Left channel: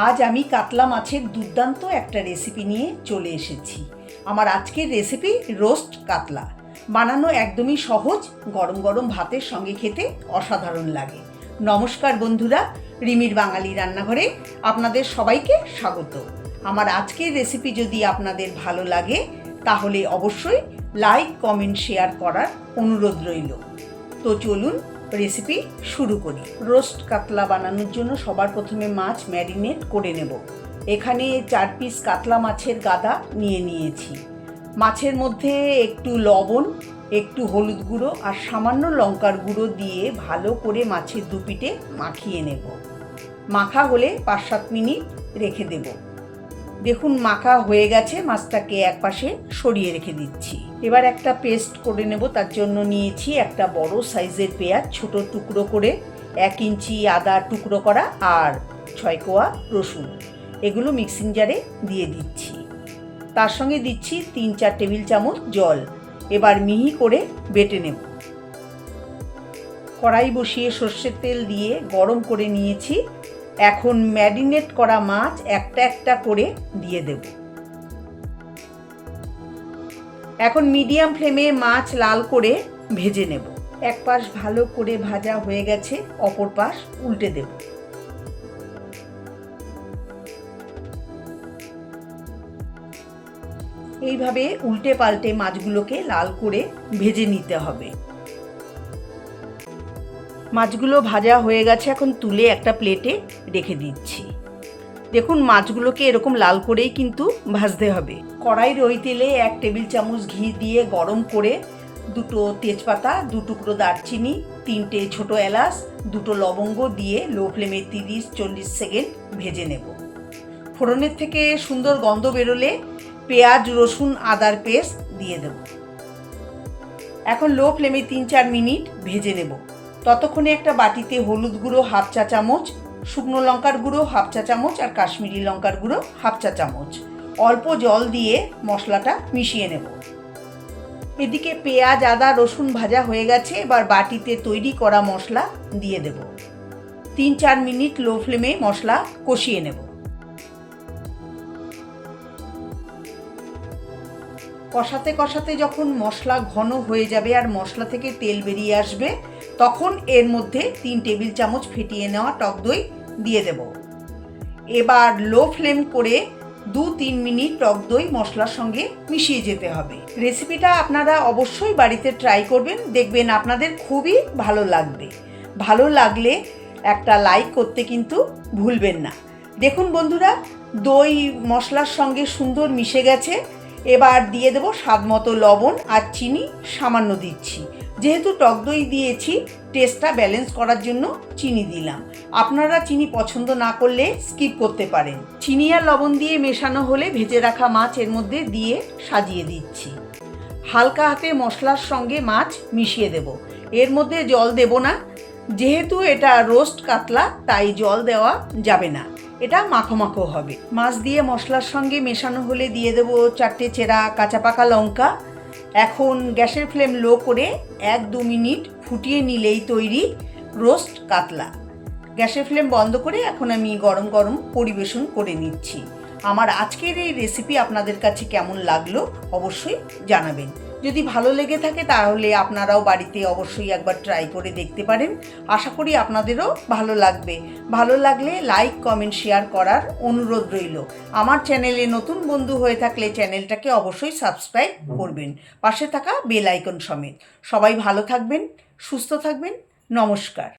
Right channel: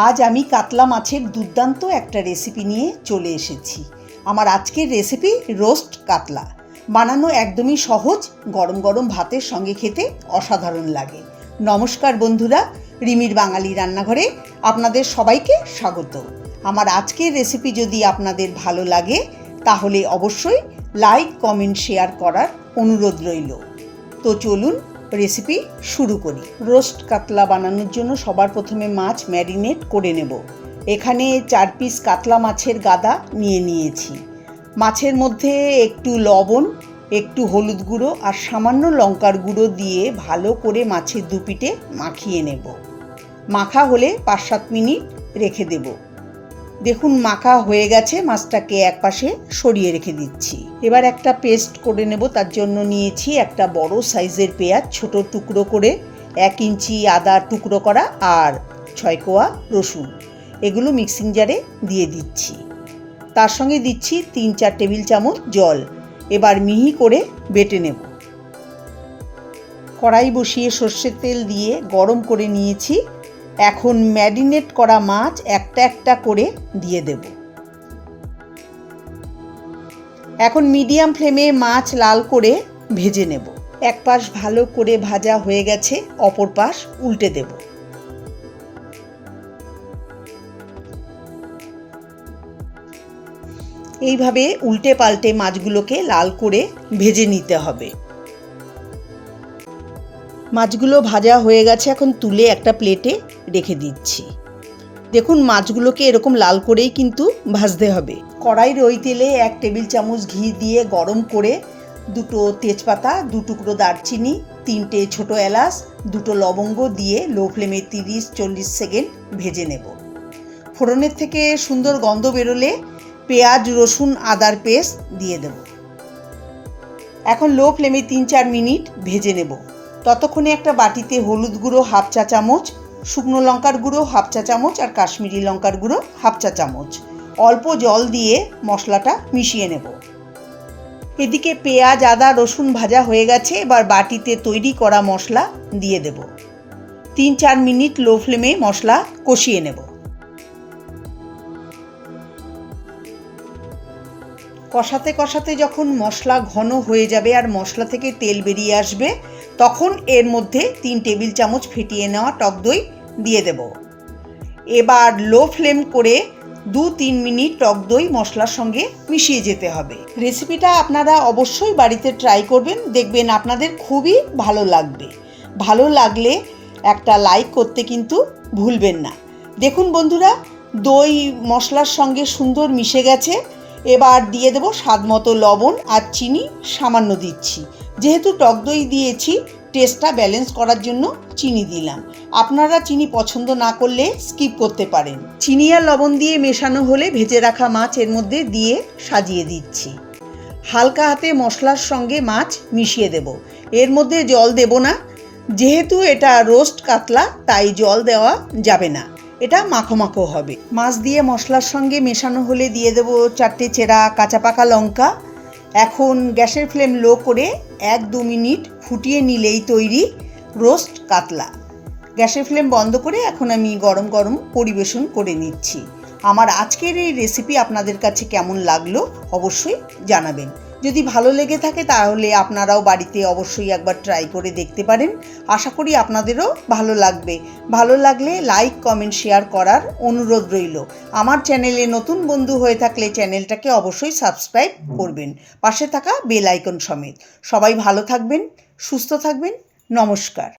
আজ আমি কাতলা মাছের দুর্দান্ত একটা রেসিপি নিয়ে চলে এসেছি। আমার আজকের রেসিপি রোস্ট কাতলা। বানানো একদমই সহজ, গরম গরম ভাতের সঙ্গে খেতে অসাধারণ লাগে। নমস্কার বন্ধুরা, রিমির বাঙালি রান্নাঘরে আপনাদের সবাইকে স্বাগত। আমার আজকের রেসিপি যদি আপনাদের ভালো লাগে তাহলে অবশ্যই লাইক, কমেন্ট, শেয়ার করার অনুরোধ রইল। তো চলুন রেসিপি শুরু করি। রোস্ট কাতলা বানানোর জন্য সবার প্রথমে মাছ ম্যারিনেট করে নেব। এখানে 4 পিস কাতলা মাছের গাদা নিয়ে নিয়েছি। মাছের মধ্যে একটু লবণ, একটু হলুদ গুঁড়ো আর সামান্য লঙ্কার গুঁড়ো দিয়ে ভালো করে মাছের দুপিঠে মাখিয়ে নেব। মাখা হলে 5-7 মিনিট রেখে দেব। দেখুন মাখা হয়ে গেছে, মাছটাকে একপাশে সরিয়ে রেখে দিচ্ছি। এবার একটা পেস্ট করে নেব। তার জন্য নিয়েছি একটা বড় সাইজের পেঁয়াজ ছোট টুকরো করে, 1 ইঞ্চি আদা টুকরো করা আর 6 কোয়া রসুন। এগুলো মিক্সিং জারে দিয়ে দিচ্ছি। তার সঙ্গে দিচ্ছি 3-4 টেবিল চামচ জল। এবার মিহি করে বেটে নেব। কড়াই বসিয়ে সর্ষের তেল দিয়ে গরম করে নিয়েছি। এখন ম্যারিনেট করা মাছ একটা একটা করে দিয়ে দেব। এখন মিডিয়াম ফ্লেমে মাছ লাল করে ভেজে নেব। এক পাশ ভালো করে ভাজা হয়ে গেছে, অপর পাশ উল্টে দেব। এইভাবে উল্টে পাল্টে মাছগুলোকে লাল করে ভেজে নিতে হবে। মাছগুলো ভাজা হয়ে গেছে, এখন তুলে একটা প্লেটে রেখে দিচ্ছি। দেখুন মাছগুলোকে এরকম লাল করেই কিন্তু ভাজতে হবে। কড়াইয়ের ওই তেলে 1 টেবিল চামচ ঘি দিয়ে গরম করে 2টো তেজপাতা, 2 টুকরো দারচিনি, 3টে ছোট এলাচ, 2টো লবঙ্গ দিয়ে লো ফ্লেমে 30-40 সেকেন্ড ভেজে নেব। ফোড়নের থেকে সুন্দর গন্ধ বেরোলে পেঁয়াজ, রসুন, আদার পেস্ট দিয়ে দেব। এখন লো ফ্লেমে 3-4 মিনিট ভেজে নেব। ততক্ষণে একটা বাটিতে হলুদ গুঁড়ো 1/2 চা চামচ, শুকনো লঙ্কার গুঁড়ো 1/2 চা চামচ আর কাশ্মীরি লঙ্কার গুঁড়ো 1/2 চা চামচ অল্প জল দিয়ে মশলাটা মিশিয়ে নেব। এদিকে পেঁয়াজ, আদা, রসুন ভাজা হয়ে গেছে। এবার বাটিতে তৈরি করা মশলা দিয়ে দেব। 3-4 মিনিট লো ফ্লেমে মশলা কষিয়ে নেব। কষাতে কষাতে যখন মশলা ঘন হয়ে যাবে আর মশলা থেকে তেল বেরিয়ে আসবে, তখন এর মধ্যে 3 টেবিল চামচ ফেটিয়ে নেওয়া টক দই দিয়ে দেব। এবার লো ফ্লেম করে 2-3 মিনিট টক দই মশলার সঙ্গে মিশিয়ে যেতে হবে। রেসিপিটা আপনারা অবশ্যই বাড়িতে ট্রাই করবেন, দেখবেন আপনাদের খুবই ভালো লাগবে। ভালো লাগলে একটা লাইক করতে কিন্তু ভুলবেন না। দেখুন বন্ধুরা, দই মশলার সঙ্গে সুন্দর মিশে গেছে। এবার দিয়ে দেব স্বাদ মতো লবণ আর চিনি সামান্য দিচ্ছি। যেহেতু টক দই দিয়েছি, টেস্টটা ব্যালেন্স করার জন্য চিনি দিলাম। আপনারা চিনি পছন্দ না করলে স্কিপ করতে পারেন। চিনি আর লবণ দিয়ে মেশানো হলে ভেজে রাখা মাছ এর মধ্যে দিয়ে সাজিয়ে দিচ্ছি। হালকা হাতে মশলার সঙ্গে মাছ মিশিয়ে দেব। এর মধ্যে জল দেব না, যেহেতু এটা রোস্ট কাতলা তাই জল দেওয়া যাবে না, এটা মাখো মাখো হবে। মাছ দিয়ে মশলার সঙ্গে মেশানো হলে দিয়ে দেব 4টে চেরা কাঁচা পাকা লঙ্কা। এখন গ্যাসের ফ্লেম লো করে 1-2 মিনিট ফুটিয়ে নিলেই তৈরি রোস্ট কাতলা। গ্যাসের ফ্লেম বন্ধ করে এখন আমি গরম গরম পরিবেশন করে নিচ্ছি। আমার আজকের এই রেসিপি আপনাদের কাছে কেমন লাগলো অবশ্যই জানাবেন। যদি ভালো লেগে থাকে তাহলে আপনারাও বাড়িতে অবশ্যই একবার ট্রাই করে দেখতে পারেন। আশা করি আপনাদেরও ভালো লাগবে। ভালো লাগলে লাইক, কমেন্ট, শেয়ার করার অনুরোধ রইল। আমার চ্যানেলে নতুন বন্ধু হয়ে থাকলে চ্যানেলটাকে অবশ্যই সাবস্ক্রাইব করবেন, পাশে থাকা বেল আইকন সমেত। সবাই ভালো থাকবেন, সুস্থ থাকবেন। নমস্কার।